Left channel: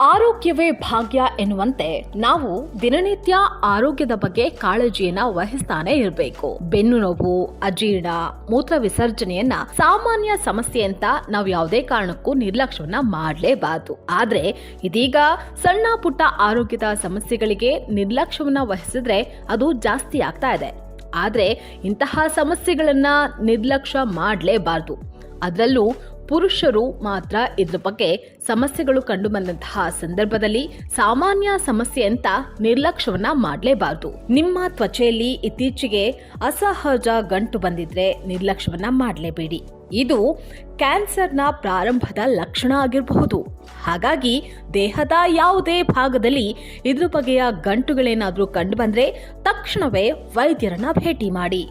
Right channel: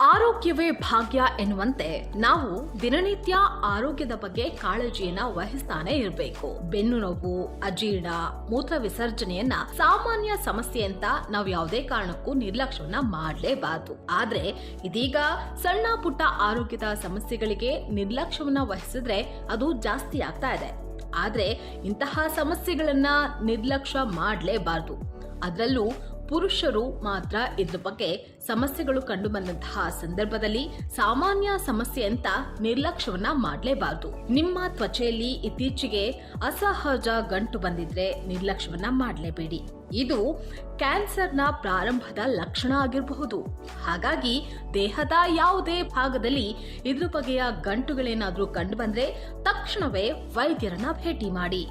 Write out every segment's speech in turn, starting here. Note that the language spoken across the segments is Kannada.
ಆರೋಗ್ಯವೇ ಭಾಗ್ಯ ಎನ್ನುವಂತೆ ನಾವು ದಿನನಿತ್ಯ ಆರೋಗ್ಯದ ಬಗ್ಗೆ ಕಾಳಜಿಯನ್ನ ವಹಿಸ್ತಾನೆ ಇರಬೇಕು. ಬೆನ್ನು ನೋವು, ಅಜೀರ್ಣ, ಮೂತ್ರ ವಿಸರ್ಜನೆಯನ್ನ ಸಾಮಾನ್ಯ ಸಮಸ್ಯೆ ಅಂತ ನಾವು ಯಾವುದೇ ಕಾರಣಕ್ಕೂ ನಿರ್ಲಕ್ಷ್ಯವನ್ನ ಮಾಡಲೇಬಾರದು. ಆದ್ರೆ ಇದೀಗ ಸಣ್ಣ ಪುಟ್ಟ ಆರೋಗ್ಯದ ಸಮಸ್ಯೆಗಳಿಗೆ ನಿರ್ಲಕ್ಷ್ಯವನ್ನ ವಹಿಸಿದ್ರೆ ಅದು ಜಾಸ್ತಿ ಆಗ್ತಾ ಇದೆ. ಆದ್ರೆ ಇಂತಹ ಸಮಸ್ಯೆಗಳನ್ನ ನಿರ್ಲಕ್ಷ್ಯ ಮಾಡಲೇಬಾರದು. ಅದರಲ್ಲೂ ಪುರುಷರು ಮಾತ್ರ ಇದ್ರ ಬಗ್ಗೆ ಸಮಸ್ಯೆಗಳು ಕಂಡು ಬಂದಂತಹ ಸಂದರ್ಭದಲ್ಲಿ ಸಾಮಾನ್ಯ ಸಮಸ್ಯೆ ಅಂತ ನಿರ್ಲಕ್ಷ್ಯವನ್ನ ಮಾಡಲೇಬಾರದು. ನಿಮ್ಮ ತ್ವಚೆಯಲ್ಲಿ ಇತ್ತೀಚೆಗೆ ಅಸಹಜ ಗಂಟು ಬಂದಿದ್ರೆ ನಿರ್ಲಕ್ಷ್ಯವನ್ನ ಮಾಡಲೇಬೇಡಿ. ಇದು ಕ್ಯಾನ್ಸರ್ನ ಪ್ರಾರಂಭದ ಲಕ್ಷಣ ಆಗಿರಬಹುದು. ಹಾಗಾಗಿ ದೇಹದ ಯಾವುದೇ ಭಾಗದಲ್ಲಿ ಇದ್ರ ಬಗೆಯ ಗಂಟುಗಳೇನಾದ್ರೂ ಕಂಡು ಬಂದ್ರೆ ತಕ್ಷಣವೇ ವೈದ್ಯರನ್ನ ಭೇಟಿ ಮಾಡಿ.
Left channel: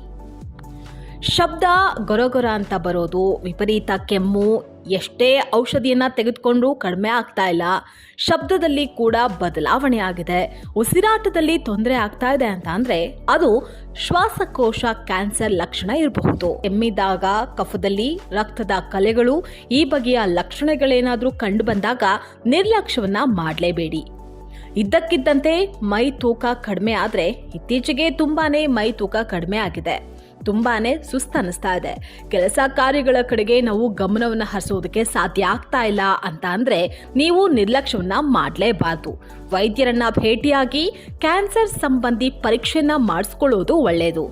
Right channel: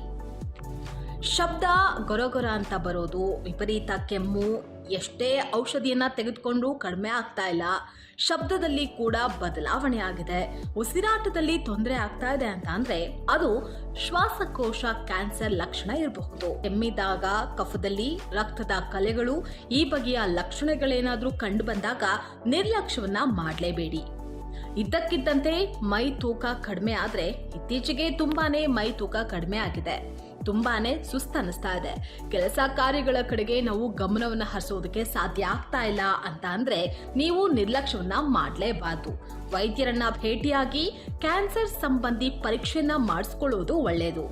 ಶಬ್ದ ಗೊರಗೊರ ಅಂತ ಬರೋದು, ವಿಪರೀತ ಕೆಮ್ಮು, ಎಷ್ಟೇ ಔಷಧಿಯನ್ನ ತೆಗೆದುಕೊಂಡು ಕಡಿಮೆ ಆಗ್ತಾ ಇಲ್ಲ, ಶಬ್ದದಲ್ಲಿ ಕೂಡ ಬದಲಾವಣೆ ಆಗಿದೆ, ಉಸಿರಾಟದಲ್ಲಿ ತೊಂದರೆ ಆಗ್ತಾ ಇದೆ ಅಂತ ಅಂದ್ರೆ ಅದು ಶ್ವಾಸಕೋಶ ಕ್ಯಾನ್ಸರ್ ಲಕ್ಷಣ ಇರಬಹುದು. ಕೆಮ್ಮಿದಾಗ, ಕಫದಲ್ಲಿ ರಕ್ತದ ಕಲೆಗಳು, ಈ ಬಗೆಯ ಲಕ್ಷಣಗಳೇನಾದ್ರೂ ಕಂಡು ಬಂದಾಗ ನಿರ್ಲಕ್ಷ್ಯವನ್ನ ಮಾಡಲೇಬೇಡಿ. ಇದ್ದಕ್ಕಿದ್ದಂತೆ ಮೈ ತೂಕ ಕಡಿಮೆ ಆದ್ರೆ, ಇತ್ತೀಚೆಗೆ ತುಂಬಾನೇ ಮೈ ತೂಕ ಕಡಿಮೆ ಆಗಿದೆ, ತುಂಬಾನೇ ಸುಸ್ತನಿಸ್ತಾ ಇದೆ, ಕೆಲಸ ಕಾರ್ಯಗಳ ಕಡೆಗೆ ನಾವು ಗಮನವನ್ನು ಹರಿಸೋದಕ್ಕೆ ಸಾಧ್ಯ ಆಗ್ತಾ ಇಲ್ಲ ಅಂತ ಅಂದ್ರೆ ನೀವು ನಿರ್ಲಕ್ಷ್ಯವನ್ನ ಮಾಡಲೇಬಾರದು. ವೈದ್ಯರನ್ನ ಭೇಟಿಯಾಗಿ ಕ್ಯಾನ್ಸರ್ ಸಂಬಂಧಿ ಪರೀಕ್ಷೆಯನ್ನ ಮಾಡಿಸ್ಕೊಳ್ಳೋದು ಒಳ್ಳೆಯದು.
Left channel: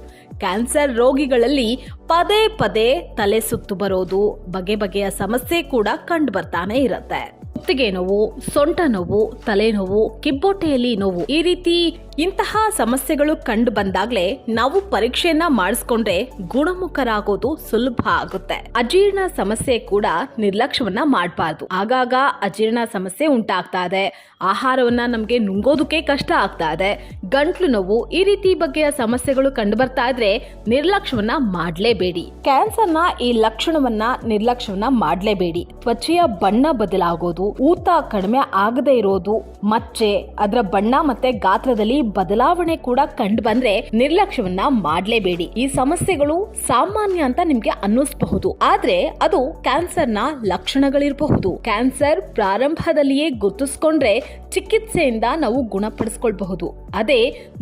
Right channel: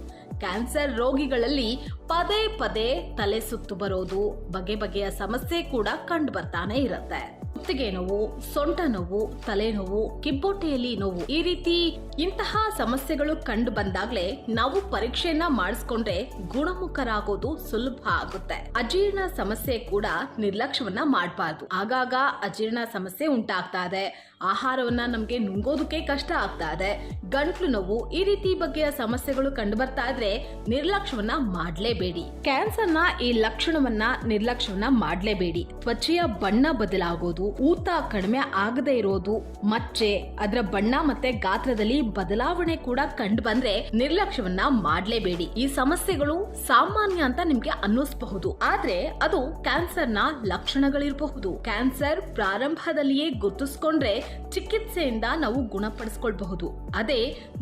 ಕ್ಯಾನ್ಸರ್ ರೋಗಿಗಳಲ್ಲಿ ಪದೇ ಪದೇ ತಲೆ ಸುತ್ತು ಬರೋದು, ಬಗೆ ಬಗೆಯ ಸಮಸ್ಯೆ ಕೂಡ ಕಂಡು ಬರ್ತಾನೆ ಇರುತ್ತೆ. ಕುತ್ತಿಗೆ ನೋವು, ಸೊಂಟ ನೋವು, ತಲೆನೋವು, ಕಿಬ್ಬೊಟ್ಟೆಯಲ್ಲಿ ನೋವು, ಈ ರೀತಿ ಇಂತಹ ಸಮಸ್ಯೆಗಳು ಕಂಡು ಬಂದಾಗ್ಲೇ ನಾವು ಪರೀಕ್ಷೆಯನ್ನ ಮಾಡಿಸ್ಕೊಂಡ್ರೆ ಗುಣಮುಖರಾಗೋದು ಸುಲಭ ಆಗುತ್ತೆ. ಅಜೀರ್ಣ ಸಮಸ್ಯೆ ಕೂಡ ನಿರ್ಲಕ್ಷ್ಯವನ್ನ ಮಾಡಬಾರ್ದು. ಆಗಾಗ ಅಜೀರ್ಣ ಸಮಸ್ಯೆ ಉಂಟಾಗ್ತಾ ಇದೆ, ಆಹಾರವನ್ನ ನಮ್ಗೆ ನುಂಗೋದಕ್ಕೆ ಕಷ್ಟ ಆಗ್ತಾ ಇದೆ, ಗಂಟ್ಲು ನೋವು, ಈ ರೀತಿ ಬಗೆಯ ಸಮಸ್ಯೆಗಳು ಕಂಡು ಬರ್ತಾ ಇದ್ರೆ ನಿರ್ಲಕ್ಷ್ಯವನ್ನ ಮಾಡಲೇಬೇಡಿ. ಕ್ಯಾನ್ಸರ್ನ ಈ ಲಕ್ಷಣವನ್ನ ನಿರ್ಲಕ್ಷ್ಯವನ್ನ ಮಾಡಲೇಬೇಡಿ. ತ್ವಚೆಯ ಬಣ್ಣ ಬದಲಾಗೋದು, ಊತ ಕಡಿಮೆ ಆಗದೆ ಇರೋದು, ಮಚ್ಚೆ, ಅದರ ಬಣ್ಣ ಮತ್ತೆ ಗಾತ್ರದಲ್ಲಿ ಬದಲಾವಣೆ ಕೂಡ ಕಂಡು ಬಂದ್ರೆ ನಿರ್ಲಕ್ಷ್ಯವನ್ನ ಮಾಡಲೇಬೇಡಿ. ಈ ಸಮಸ್ಯೆಗಳು ಸಾಮಾನ್ಯ ಅಂತ ನಿಮ್ಗೆ ಅನ್ನಿಸಬಹುದು, ಆದ್ರೆ ಅದು ಕ್ಯಾನ್ಸರ್ನ ಲಕ್ಷಣಗಳಿರಬಹುದು. ಕ್ಯಾನ್ಸರ್ ಪ್ರಾರಂಭದಲ್ಲಿಯೇ ಗುರುತಿಸಿಕೊಂಡ್ರೆ ಚಿಕಿತ್ಸೆಯಿಂದ ನಾವು ಗುಣಪಡಿಸಿಕೊಳ್ಳಬಹುದು. ಅದೇ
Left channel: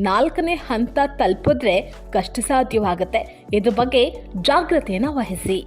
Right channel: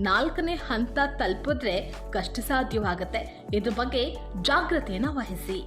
4ನೇ ಹಂತ ತಲುಪಿದ್ರೆ ಕಷ್ಟ ಸಾಧ್ಯವಾಗುತ್ತೆ. ಇದ್ರ ಬಗ್ಗೆ ಜಾಗೃತೆಯನ್ನ ವಹಿಸಿ.